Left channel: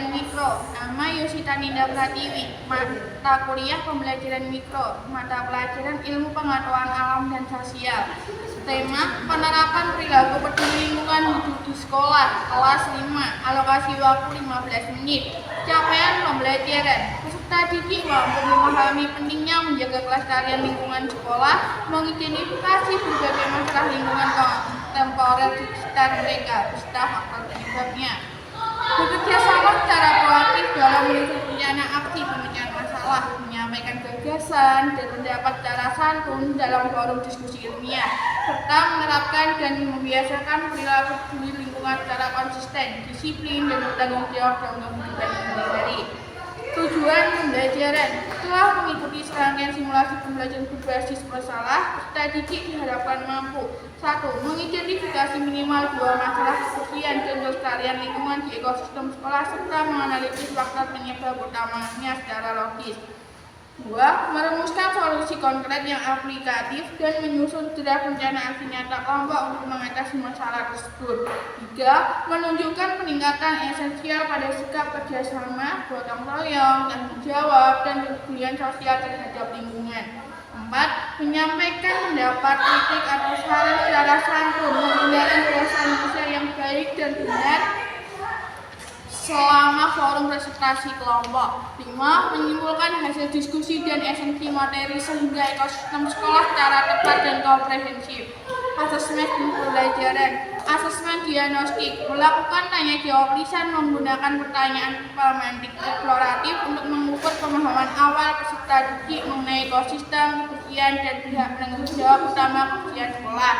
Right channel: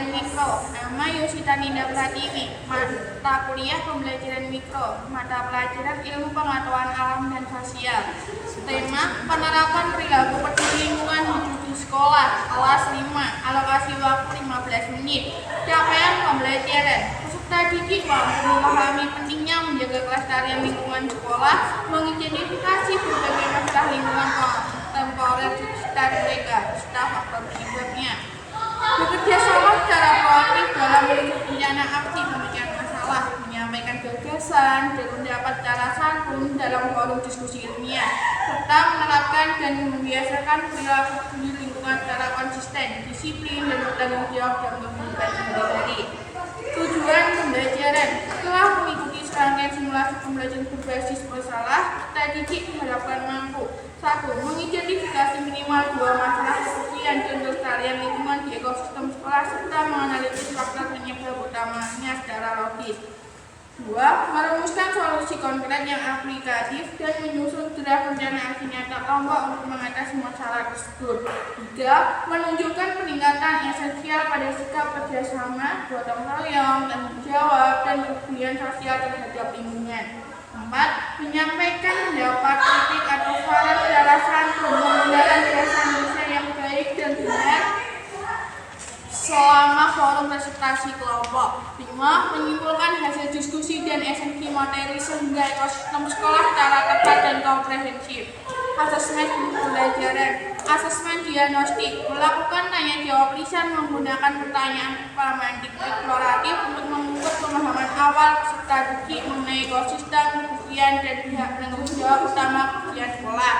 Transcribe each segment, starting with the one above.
Pembelajaran Mikro. Nama Yosita Ninda Pratiwi. Mata kuliah Pembelajaran Mikro. Mata pelajaran Ilmu Pengetahuan Alam dan Sosial. Tema penerapan perilaku peduli lingkungan hidup di sekolah. Kelas 5. Alokasi waktu 15 menit. Capaian pembelajaran. Peserta didik mampu memahami pentingnya menjaga kelestarian lingkungan sekolah, mengidentifikasi berbagai masalah lingkungan kontemporer di sekitar mereka, serta faktor penyebabnya. Bekerja sama secara proaktif dalam menyusun rencana aksi pemecahan masalah, menyampaikan gagasan dan pendapat secara santun dalam forum diskusi ilmiah, serta menerapkan dan membiasakan perilaku peduli lingkungan secara konsisten, disiplin, dan bertanggung jawab dalam kehidupan sehari-hari. Tujuan pembelajaran. Setelah mengikuti serangkaian simulasi pembelajaran berbasis masalah, peserta didik diharapkan mampu 1. Mengidentifikasi minimal 2 masalah kebersihan dan kelestarian lingkungan di ekosistem sekolah serta menganalisis faktor penyebab utamanya secara logis. 2. Merumuskan solusi konkret yang aplikatif dan menyusun draft rencana aksi nyata kelompok untuk mengatasi masalah tersebut. 3. Menunjukkan peningkatan esensial pada sikap kerjasama, gotong royong, tanggung jawab, dan kepedulian sosial terhadap lingkungan. 4. Menyampaikan pendapat, kritik, atau saran secara santun, menggunakan bahasa yang baik dan benar selama forum presentasi kelompok. 5. Menyimpulkan hasil diskusi dan esensi materi sehingga ekosistem sekolah secara tepat dan komprehensif. Asesmen pembelajaran. Asesmen diagnostik. Melakukan tanya jawab lisan menggunakan pertanyaan pemantik eksploratif untuk mengukur pemahaman awal peserta didik mengenai ekosistem, kebersihan, dan pihak penanggung jawab utama kebersihan sekolah.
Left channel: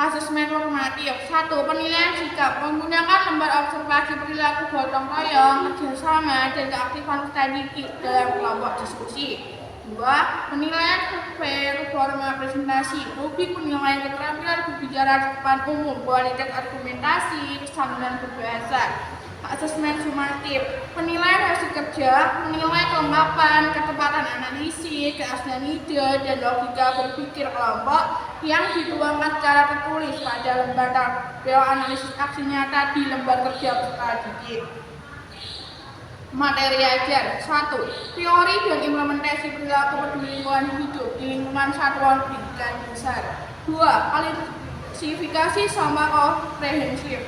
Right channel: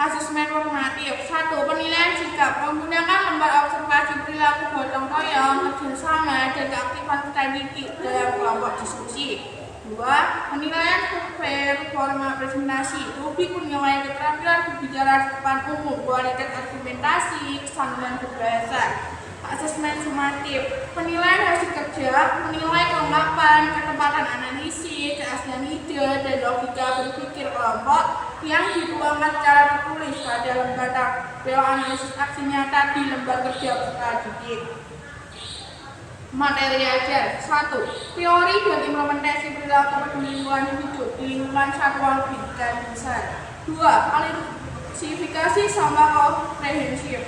Asesmen formatif. 1. Penilaian sikap. Menggunakan lembar observasi perilaku gotong royong, kerjasama, dan keaktifan peserta didik dalam kelompok diskusi. 2. Penilaian performa presentasi. Rubrik penilaian keterampilan berbicara di depan umum, kualitas argumentasi, kesantunan berbahasa. Asesmen sumatif. Penilaian hasil kerja, menilai kelengkapan, ketepatan analisis, keaslian ide, dan logika berpikir kelompok yang dituangkan secara tertulis pada lembar tabel analisis aksi nyata di lembar kerja peserta didik. Materi ajar. 1. Teori dan implementasi perilaku peduli lingkungan hidup di lingkungan satuan pendidikan dasar. 2. Klasifikasi sampah komprehensif.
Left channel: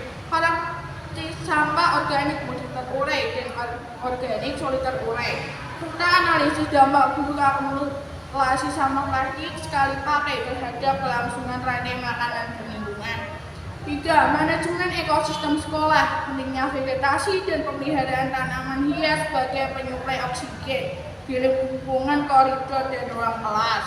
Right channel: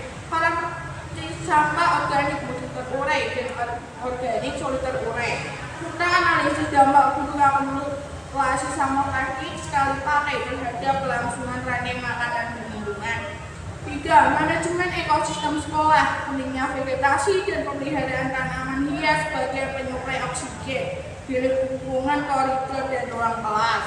Sampah organik mudah terurai dan organik sulit terurai. Serta analisis dampak buruk akumulasi sampah plastik sekali pakai terhadap kelangsungan rantai makanan dan lingkungan. 3. Manajemen ekosistem sekolah. Pentingnya vegetasi dan pemeliharaan tanaman hias sebagai penyuplai oksigen di lingkungan koridor dan ruang kelas.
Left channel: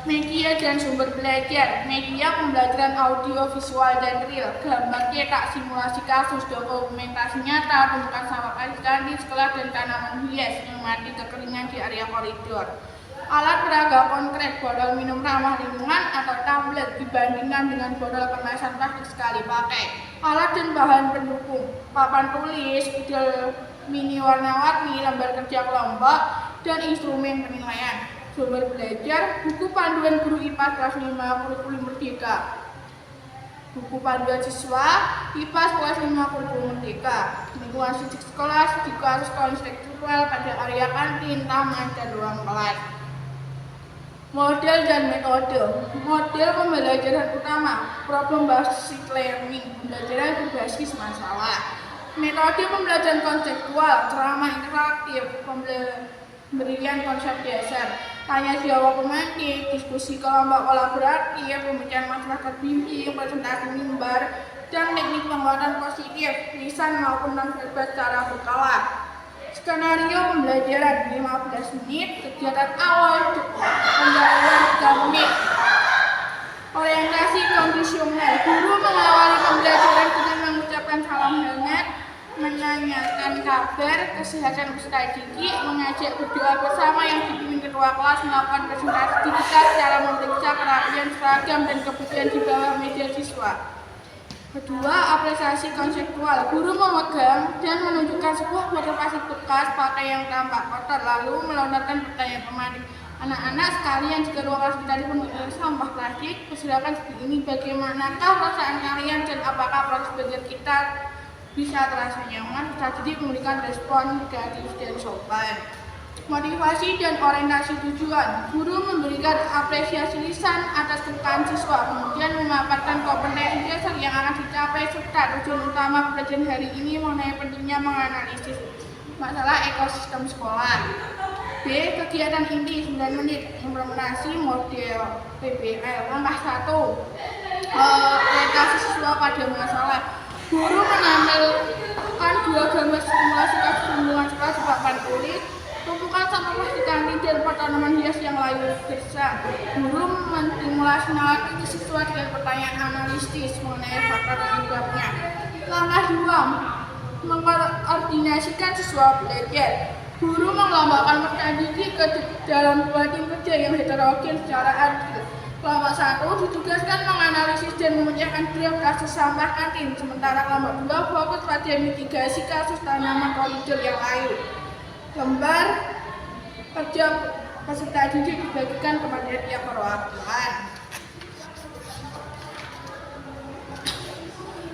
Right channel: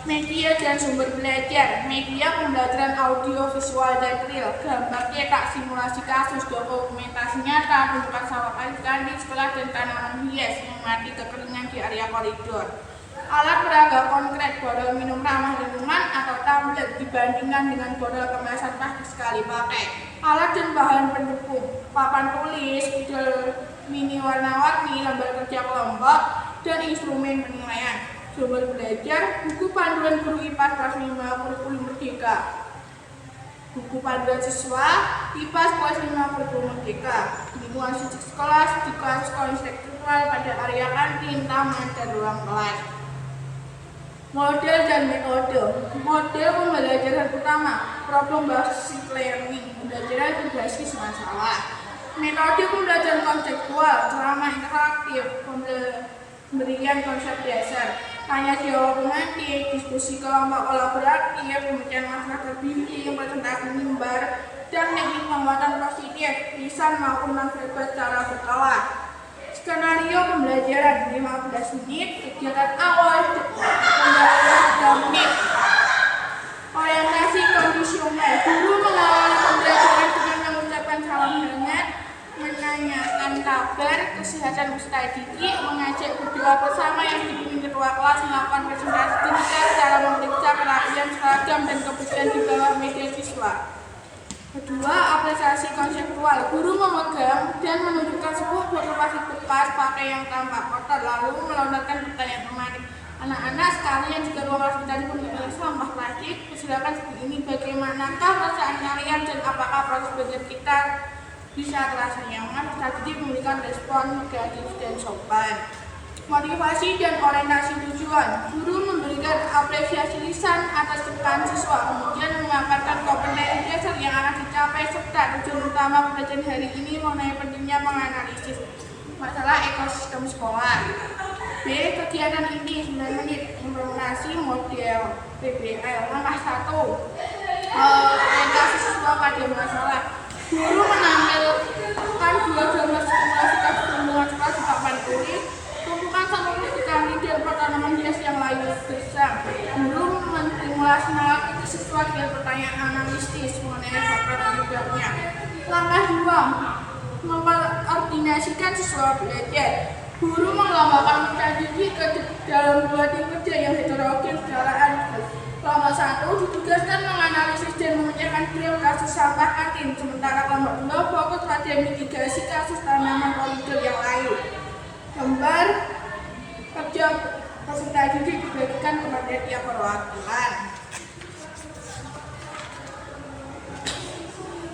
Media dan sumber belajar. Media pembelajaran audio, visual, dan real. Gambar cetak, simulasi kasus, dokumentasi nyata, tumpukan sampah plastik di sekolah, dan tanaman hias yang mati kekeringan di area koridor. Alat peraga konkret, botol minum ramah lingkungan atau tumbler dibandingkan dengan botol kemasan plastik sekali pakai. Alat dan bahan pendukung, papan tulis, spidol mini warna-warni, lembar kerja kelompok, dan instrumen penilaian. Sumber belajar, buku panduan guru IPA kelas 5 kurikulum merdeka. Buku panduan siswa IPA kelas 5 kurikulum merdeka. Lingkungan fisik sekolah, studi kasus konseptual pada area kantin, taman, dan ruang kelas. Model dan metode. Model pembelajaran utama, problem based learning, pembelajaran berbasis masalah. Metode pembelajaran konseptual, ceramah interaktif, pemberian konsep dasar, tanya jawab pemantik, diskusi kelompok kolaboratif, pemecahan masalah terbimbing, presentasi mimbar, dan teknik penguatan positif, lisan maupun non-verbal secara berkala. Skenario pembelajaran 15 menit, kegiatan awal pendahuluan 3 menit. Orientasi kondisional. Guru mengawali pembelajaran dengan mengucapkan salam hangat, menanyakan kabar, kesehatan peserta didik, mengajak berdoa bersama yang dipimpin ketua kelas, melakukan presentasi digital secara memeriksa kerapian seragam dan kebersihan di bawah meja siswa. Kedua, apresiasi konseptual. Guru memegang dan menunjukkan sebuah botol plastik bekas pakai yang tampak kotor, lalu melontarkan pertanyaan pemantik. Anak-anak sekalian, jika ruang kelas kita dipenuhi oleh sampah plastik, persilakan seperti ini. Bagaimanakah perasaan kalian dan apakah proses belajar kita Bisa terasa nyaman, peserta didik memberikan respon kreatif dan sopan. Motivasi dan orientasi tujuan. Guru memberikan apresiasi lisan atas kepekaan siswa, kemudian memaparkan kompetensi dasar yang akan dicapai serta tujuan utama pembelajaran hari ini mengenai pentingnya menganalisis masalah ekosistem sekolah. B. Kegiatan inti 9 menit, implementasi model PBL. Langkah 1. Orientasi siswa pada masalah. Guru menampilkan 2 gambar simulasi kasus pembunuhan sekolah di papan tulis. Tumpukan sampah plastik kantin dan pot tanaman hias yang layu gersang. Guru menstimulasi nalar kritis siswa dengan pertanyaan analitis mengenai faktor penyebabnya. Langkah 2. Mengkoordinasikan siswa belajar. Guru melombakan peserta didik ke dalam 2 tim kerja yang heterogen secara adil. Kelompok 1 ditugaskan menganalisis dan memecahkan draft kasus sampah kantin, sementara kelompok 2 fokus pada mitigasi kasus tanaman koridor yang layu. Lembar kerja peserta didik dibagikan kepada tiap perwakilan.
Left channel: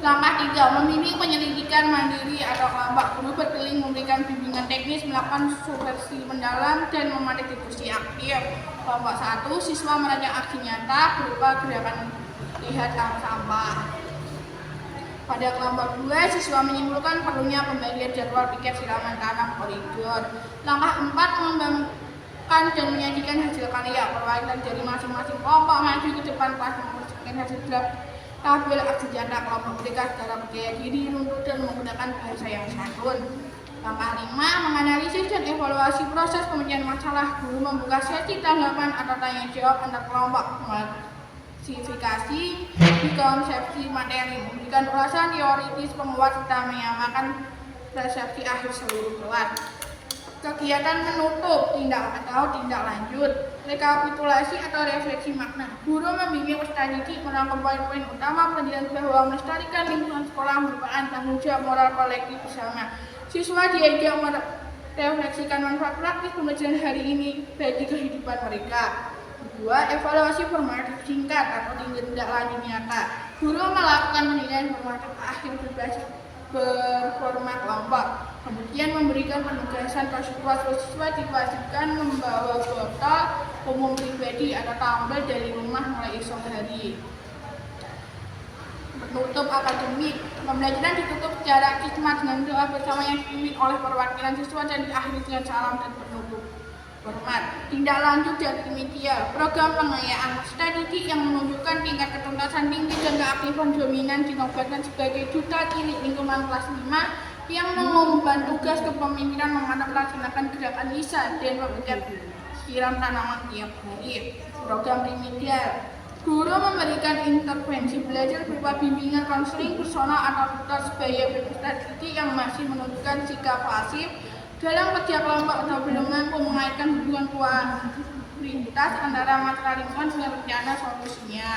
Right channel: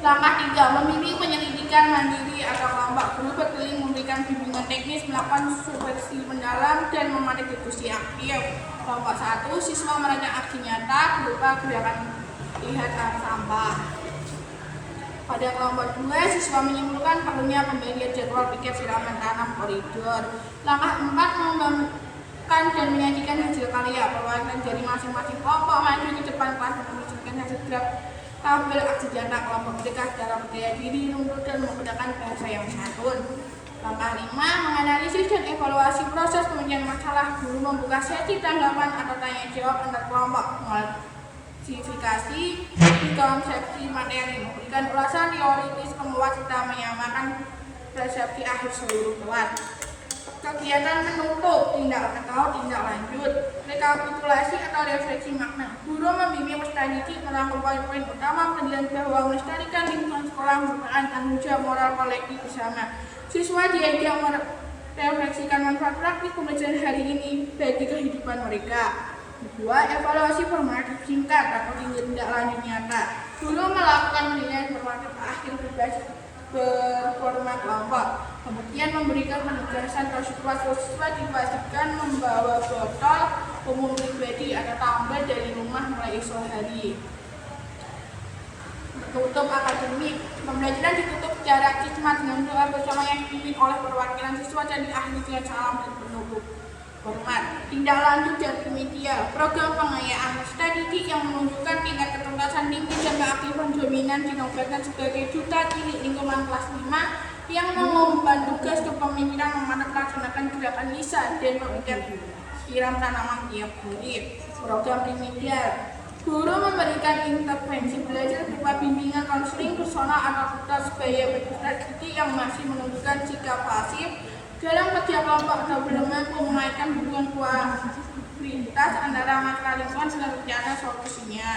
Langkah 3. Membimbing penyelidikan mandiri atau kelompok. Guru berkeliling memberikan bimbingan teknis, melakukan supervisi mendalam, dan memantik diskusi aktif. Kelompok 1. Siswa merancang aksi nyata berupa gerakan lihat sampah. Pada kelompok 2, siswa menyimpulkan perlunya pembagian jadwal piket siraman tanam koridor. Langkah 4. Mengembangkan dan menyajikan hasil karya. Perwakilan dari masing-masing kelompok maju ke depan kelas mempresentasikan hasil draft tabel aksi nyata kelompok mereka secara percaya diri, runtut, dan menggunakan bahasa yang santun. Langkah 5. Menganalisis dan evaluasi proses pemecahan masalah. Guru membuka sesi tanggapan atau tanya jawab antar kelompok. Klasifikasi di konsepsi materi, memberikan ulasan teoritis penguat serta menyamakan persepsi akhir seluruh kelas. Kegiatan menutup tindak lanjut, rekapitulasi atau refleksi makna. Guru membimbing peserta didik merangkum poin-poin utama pelajaran bahwa melestarikan lingkungan sekolah merupakan tanggung jawab moral kolektif bersama. Siswa diajak merefleksikan manfaat praktis pembelajaran hari ini bagi kehidupan mereka. 2. Evaluasi formatif singkat atau tindak lanjut nyata. Guru melakukan penilaian formatif akhir berbasis performa kelompok, kemudian memberikan penugasan ke siswa diwajibkan membawa botol umum pribadi atau tumbler dari rumah mulai esok hari. Penutup akademik. Pembelajaran ditutup secara khidmat dengan doa bersama yang dipimpin oleh perwakilan siswa dan diakhiri dengan salam dan penutup hormat. Tindak lanjut dan remedial. Program pengayaan peserta didik yang menunjukkan tingkat ketuntasan tinggi dan keaktifan dominan dinobatkan sebagai duta cilik lingkungan kelas 5 yang mengemban tugas kepemimpinan memantau melaksanakan gerakan lisan dan pembicaraan siram tanaman tiap hari. Program remedial. Guru memberikan intervensi belajar berupa bimbingan konseling personal atau tutor sebaya bagi peserta didik yang masih menunjukkan sikap pasif dalam kerja kelompok atau belum mampu mengaitkan hubungan kualitas antara masalah lingkungan dengan rencana solusinya.